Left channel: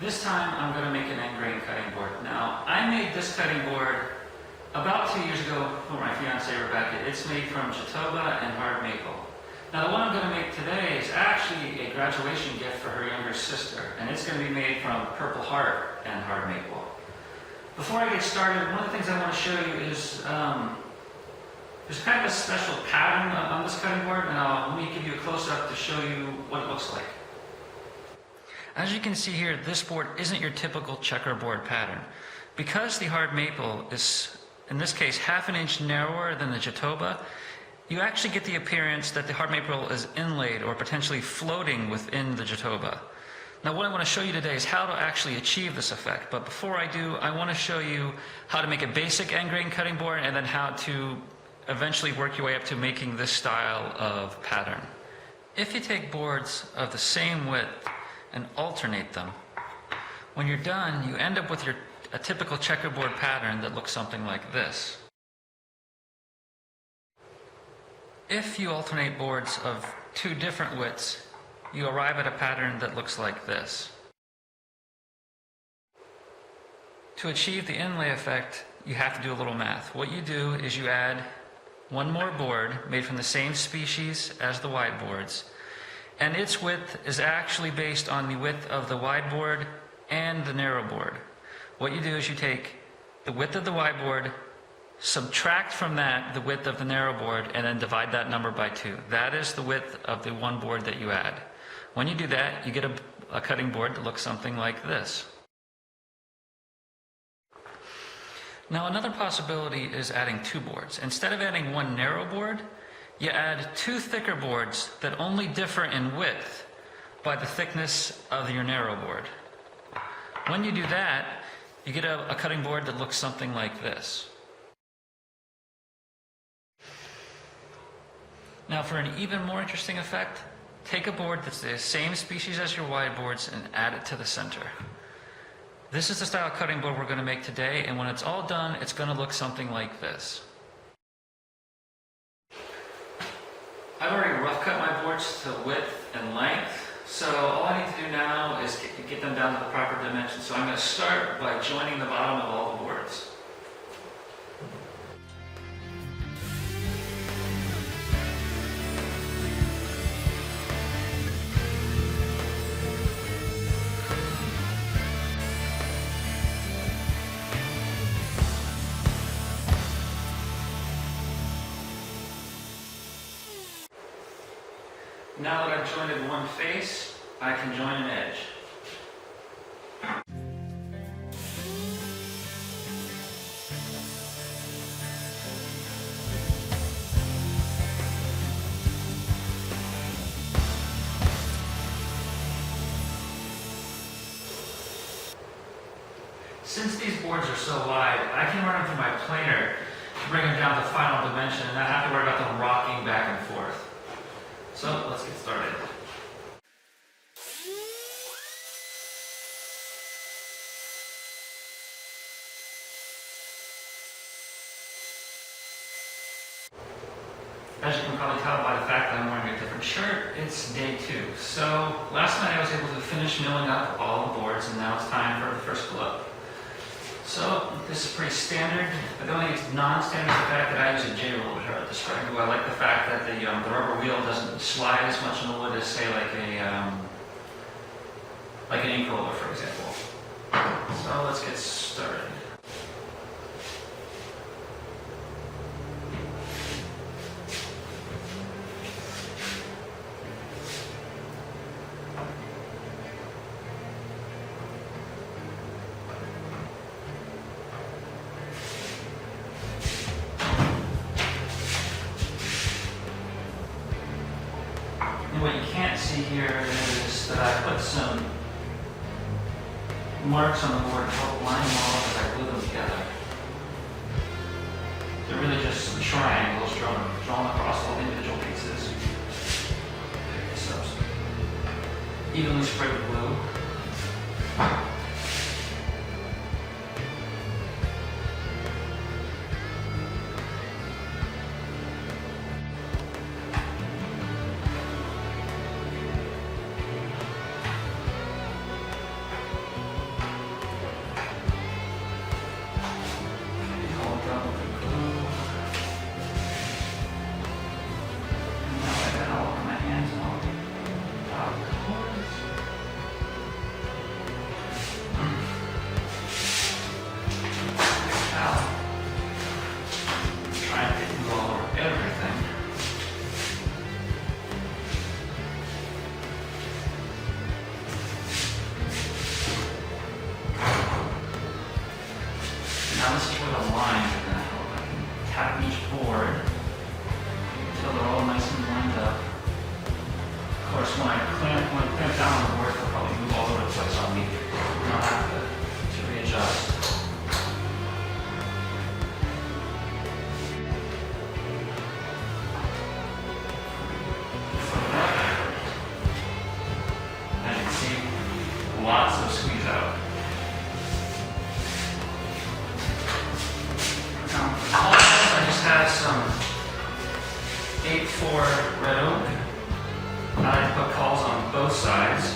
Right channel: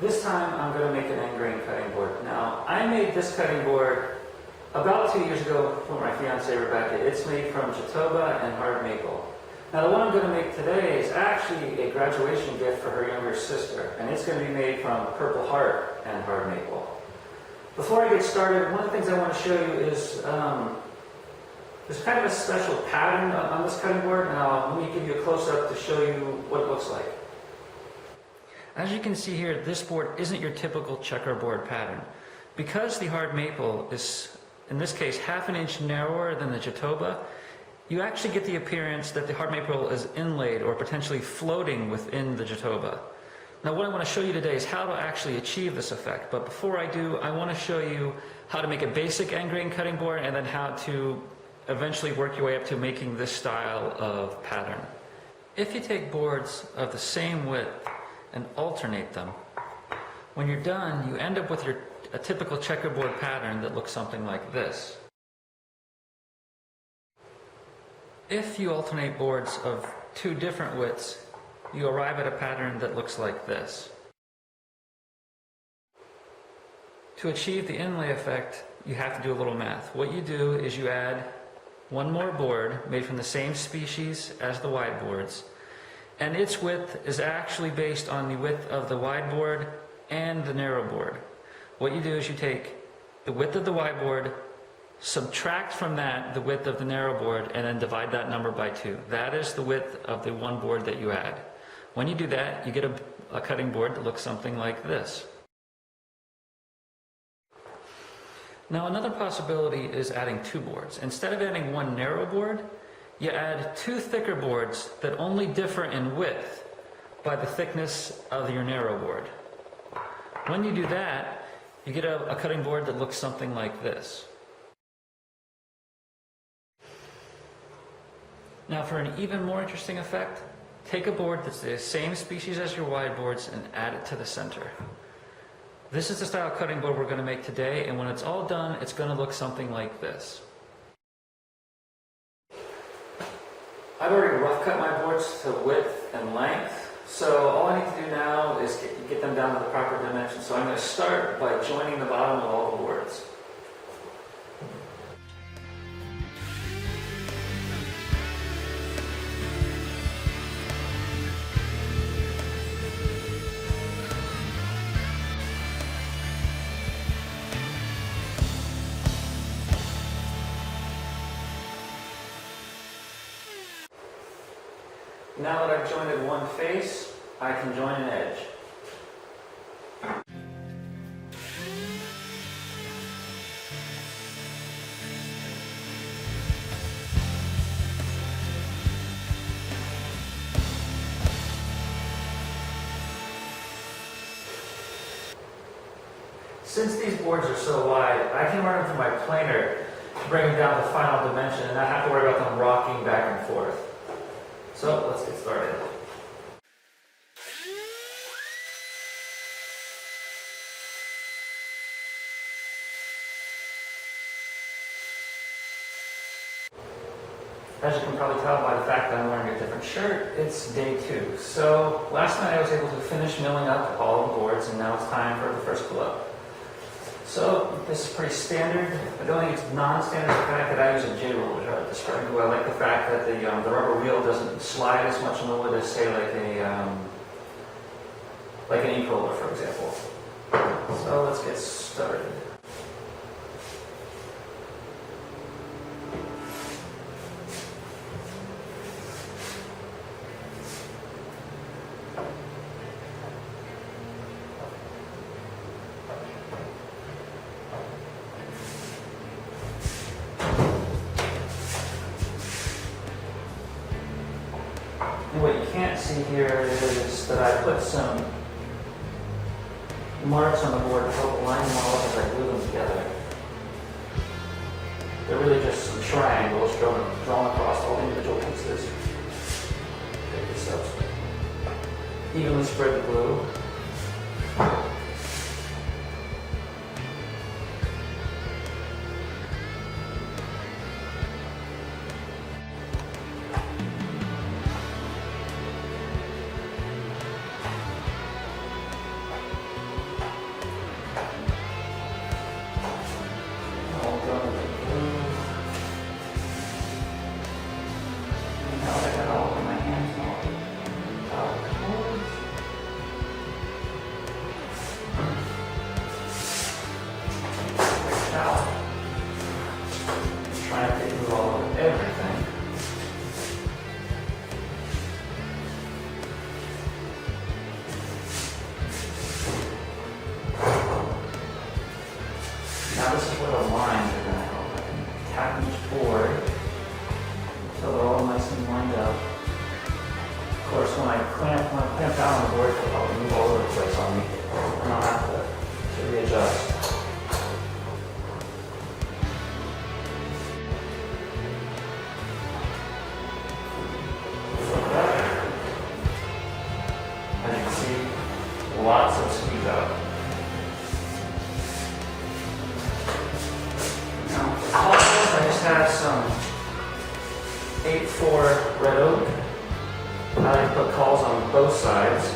This time I'm going to make an end grain cutting board. Now, I made this cutting board about 2 years ago for my fiancée Rebecca. It's made from Jatoba and hard maple. Now the one I'm going to make today is actually a graduation gift for her younger sister, and it's going to be made from Purpleheart and Hard Maple. Before I get started, one of the things I want to show you is there's kind of a special pattern on this cutting board. Now let me give you a close-up to show you what it looks like. As you can see here, this board isn't your typical checkerboard pattern. Because the hard maple is, in this case, ½ inch narrower than the Jatoba, you actually get the appearance that the hard maple is inlaid or potentially floating within the Jatoba. Now what I want to show you today is how to actually achieve this effect. But before I do, I want to show you how to make a basic end grain cutting board and then how to eventually work your way up to making this style of pattern. If you take boards of the same width and alternate them, when you're done, you end up with a typical checkerboard pattern that looks something like this. If you alternate boards of two different widths, you arrive at a pattern that looks like this. To achieve the inlay effect, you have to do a little math. What you do is you add one more board made from the same species as the wide boards, and its width is actually based on the width of the wide board and the narrow board. What you do is you take the width of the wide board, subtract from that the width of the narrow board, and then divide that number by 2. That is the width of the one board that you add. When you do that, you get a cutting board that looks something like this. Now another possibility is adding two boards. Instead of adding one narrow board, you add two thicker boards that only differ in width by the thickness of your narrow board. When you do that, you get a cutting board that looks something like this. Now for an even more interesting effect, take a board that's the same species as your wide boards and add it to the center. This is the style cutting board we're going to make today, and when it's all done, it's going to look something like this. I've already rough cut my boards to width and length, so all I need to do now is get them down to the proper dimensions. So I'm going to start by joining the bottom of all the boards. Now that I've jointed one face, I can join an edge. Since these boards are so wide, I can run them through my planer to bring them down to final dimension and not have to worry about them rocking back and forth. So let's get started. As you can probably tell by the fact that I'm wearing a different shirt, it's day 2. So last night I was able to finish milling up all the boards, and now it's time for the first glove. So this is pretty standard. The only non-standard is the fact that I use a J-roller, which I described. I like the fact that the rubber wheel doesn't slide as much on the wood as, say, like an ink roller, for example. So let's get started. And what you can't see here is that I put some marks on the board to help line them all up as I glue them together. They're really just some triangles drawn across all individual pieces. Pick this up. Evenly spread the glue. Now this is where the lines are going to help. I can tap each board until they're all nice and lined up. Of course, when I clamp down on the board, they'll probably move all over the place on me. And I'll have to readjust. As you can see, lots of squeeze out. I just have some 8-4 red oak. I like to put cauls on both sides.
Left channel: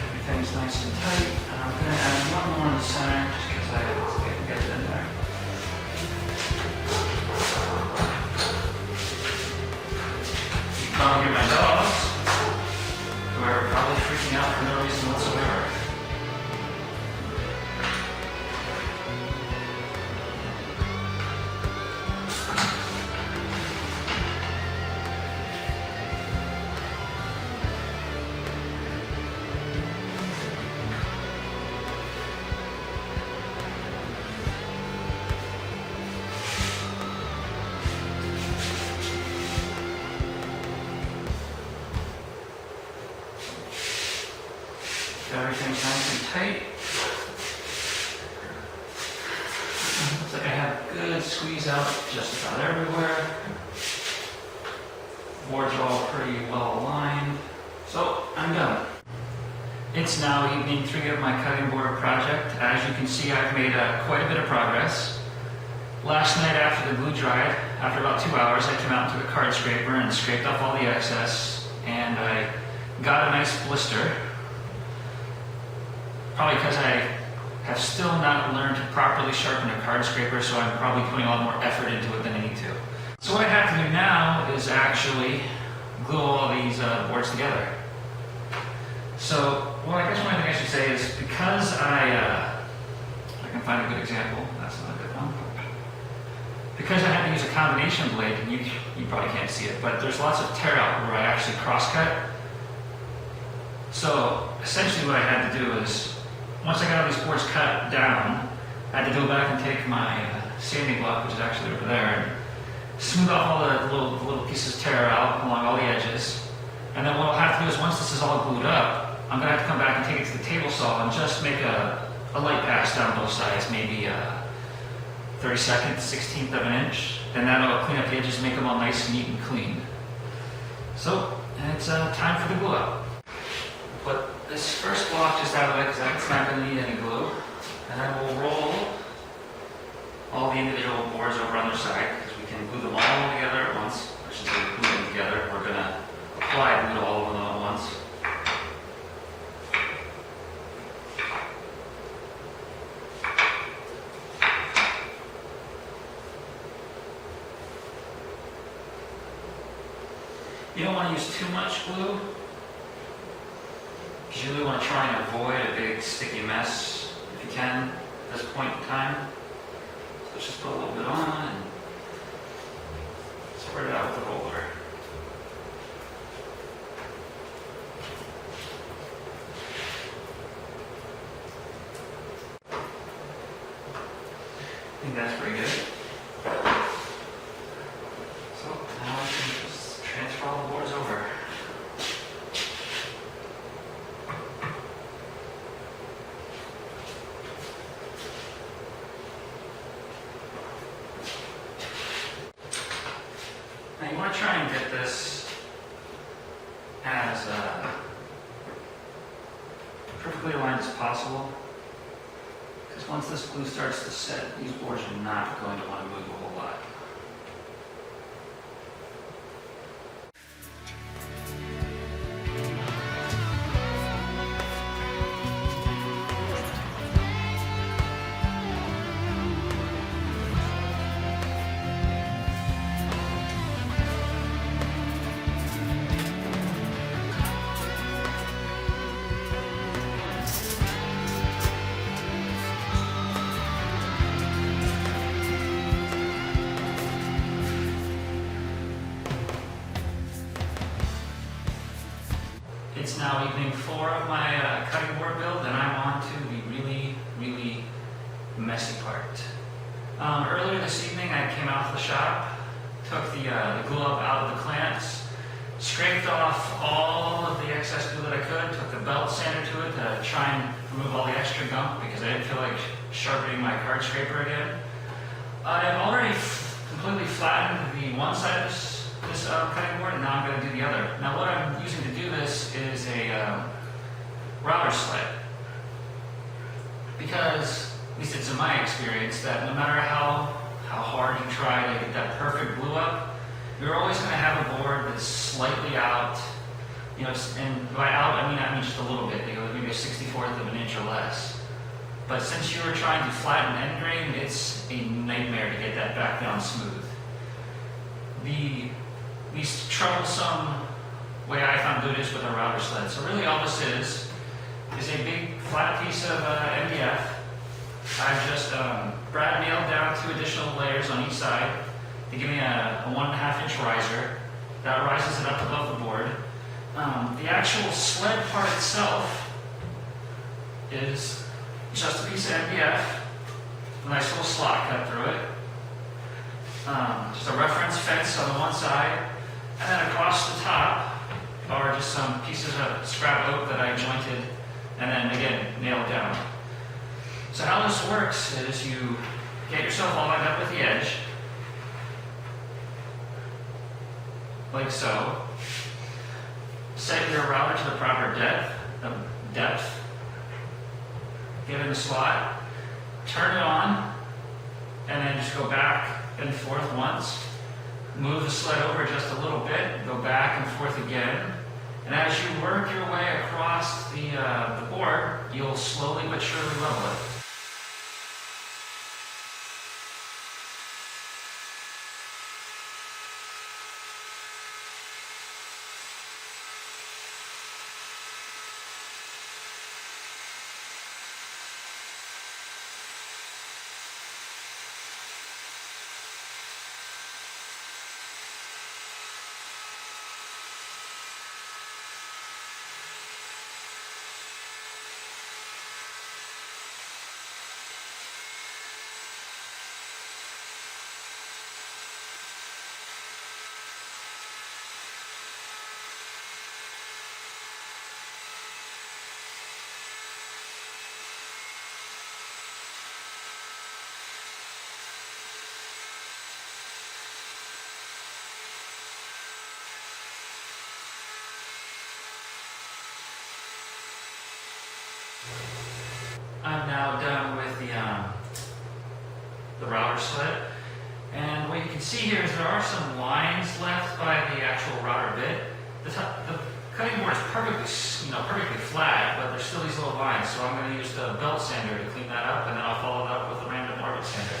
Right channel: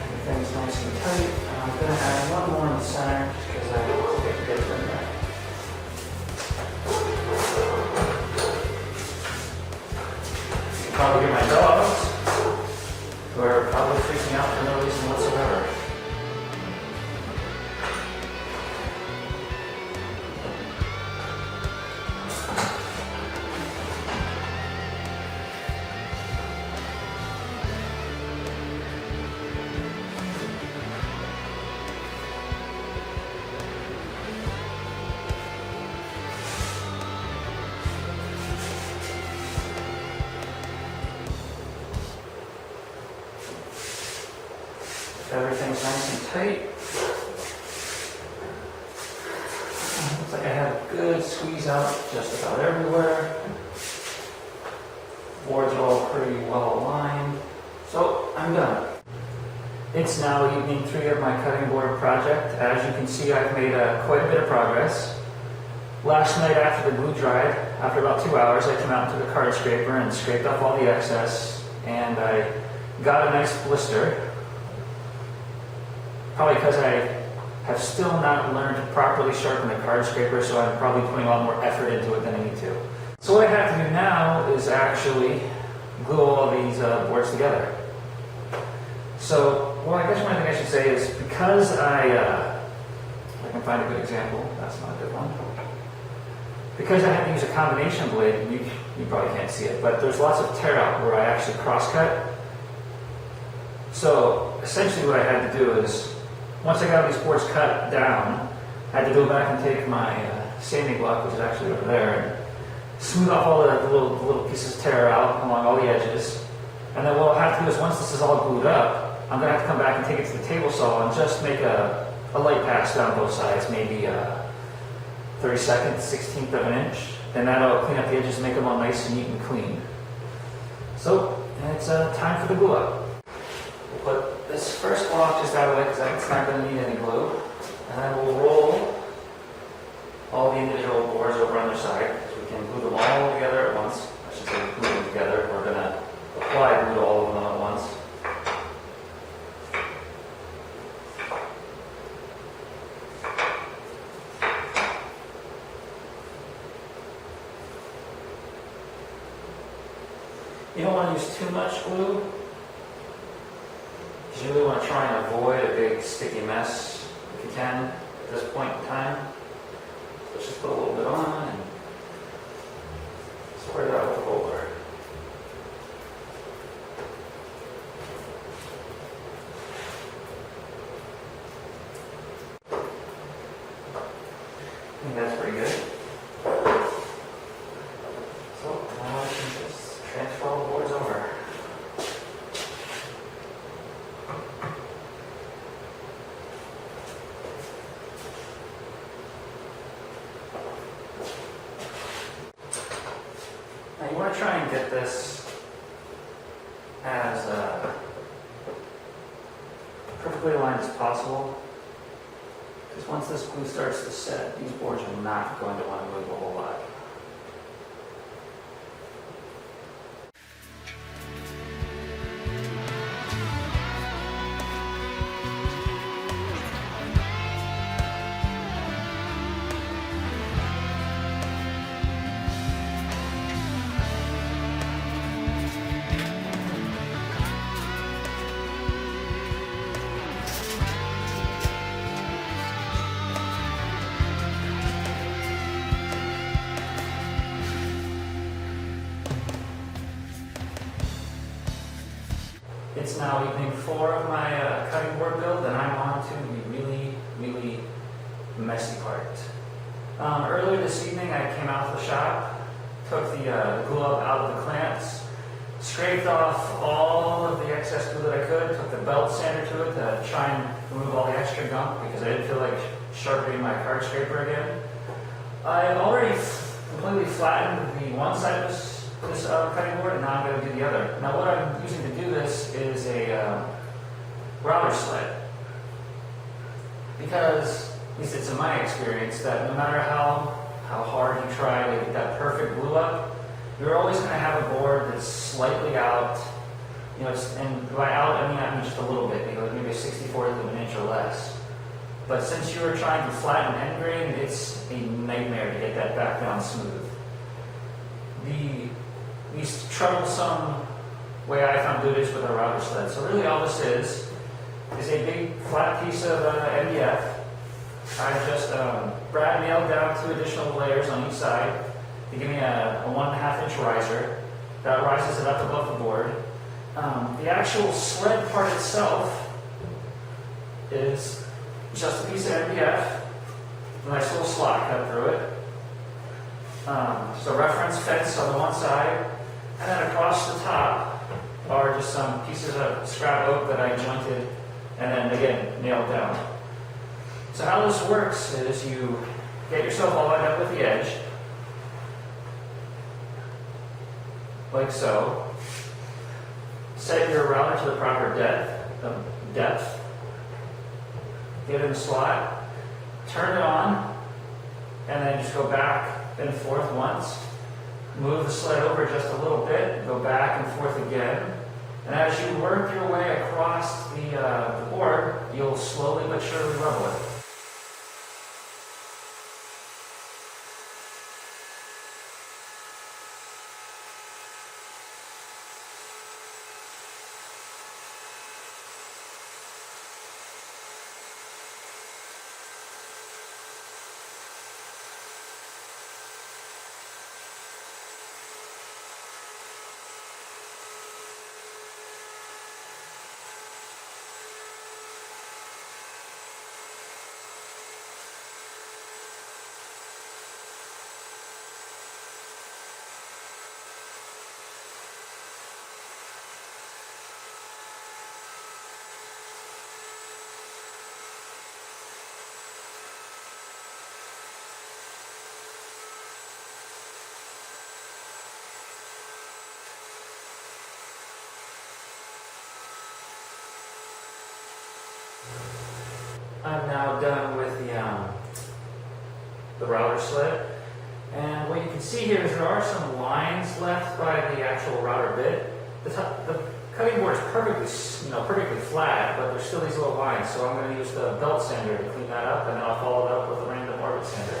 Everything's nice and tight. And I'm going to add one more in the center because I can get it in there. You can probably hear my dogs, who are probably freaking out for no reason whatsoever. Everything's nice and tight. Looks like I have a good squeeze out just about everywhere. Boards are all pretty well aligned. So I'm done. It's now evening 3 of my cutting board project. As you can see, I've made quite a bit of progress. Last night after the glue dried, after about 2 hours, I came out and took a card scraper and scraped off all the excess, and I got a nice blister. Probably because I have still not learned to properly sharpen a card scraper, so I'm probably putting a lot more effort into it than I need to. So what I have to do now is actually glue all of these boards together. So, well, I guess one thing I should say is because if I can find a good example, that's not a good one. Because I had to use a combination blade, and you probably can't see it, but there's lots of tear out where I actually cross-cut. So essentially what I had to do is, once I got all these boards cut down, I had to go back and take my sanding block, which is actually over there, and smooth off all the little pieces of tear out along all the edges. And then what I'll have to do is, once this is all glued up, I'm going to have to come back and take it to the table saw and just make a light pass down both sides, maybe 32nd, 16th of an inch. And that'll clean up the edges, make them all nice, neat, and clean. So it's time for the glue up. We'll put this first block just out of the way because it's not going to need any glue. And I will roll all the individual boards over on their side because we can glue them all together at once. I should say glue them together. We're going to apply glue to all of them at once. You don't want to use too much glue. You really want to try and avoid a big sticky mess if you can at this point in time. So let's just put a little bit on and spread it out with the roller. think that's pretty good. So now I can just transfer all the boards over. Now you want to try and get this as perfectly aligned as possible, because once this glue starts to set, these boards are not going to want to move a whole lot. It's now evening 4 of my cutting board build, and I'm on to the really messy part. Earlier this evening I came out of the shop, took the glue up out of the clamps, scraped off all of the excess glue that I could, took the belt sander to it to try and remove all the extra gunk because I didn't feel like sharpening my card scraper again. I've already completely flattened the one side of this cutting board, and now I'm going to do the other. Now what I'm using to do this is a router sled, because, at least it's in my experience, that no matter how hard you try to get that perfect glue up, you're always going to have a board that's slightly out, you know, and by out I mean just a little bit, maybe a 64th of an inch or less. But since you are trying to flatten end grain, it's a nightmare to get that back down smooth. The least troublesome way I found doing it is with a router sled. So really all this is a big flat piece of MDF. I've just brad nailed down 2 additional layers on each side to give me a 1.5 inch riser. That rises it up above the board. The actual sled part itself is just a piece of MDF, a nice little slot cut through it. Just a reference fence on the one side, and then across the top are just some pieces of scrap oak that I jointed and then again nailed down. So how this works is you get yourself all lined up with the edge, like so. Set your router to the proper depth. Get in the slot, turn it on, and then just go back and forth once. Move the sled over just a little bit, go back and forth again. And as you work your way across the board, you'll slowly but surely level it. I'm now done with the router sled, and what you can see here is there are some lines left by the actual router bit. The cutting board is perfectly flat, but there's still these little lines, so I'm going to use the belt sander to clean that up, and then I'll follow it up with a random orbit sander.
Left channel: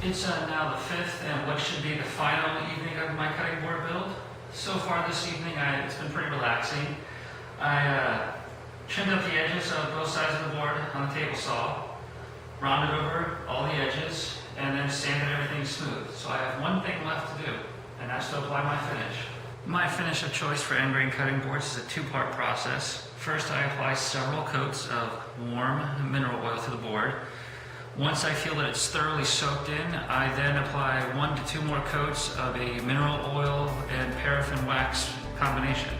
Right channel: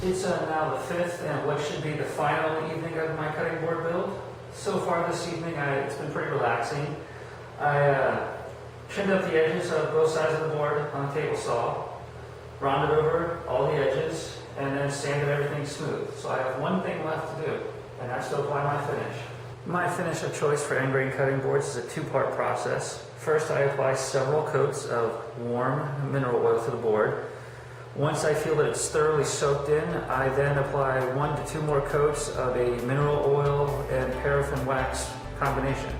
It's now the 5th and what should be the final evening of my cutting board build. So far this evening, it's been pretty relaxing. I trimmed up the edges of both sides of the board on the table saw, rounded over all the edges, and then sanded everything smooth. So I have one thing left to do, and that's to apply my finish. My finish of choice for end grain cutting boards is a two-part process. First, I apply several coats of warm mineral oil to the board. Once I feel that it's thoroughly soaked in, I then apply 1 to 2 more coats of a mineral oil and paraffin wax combination.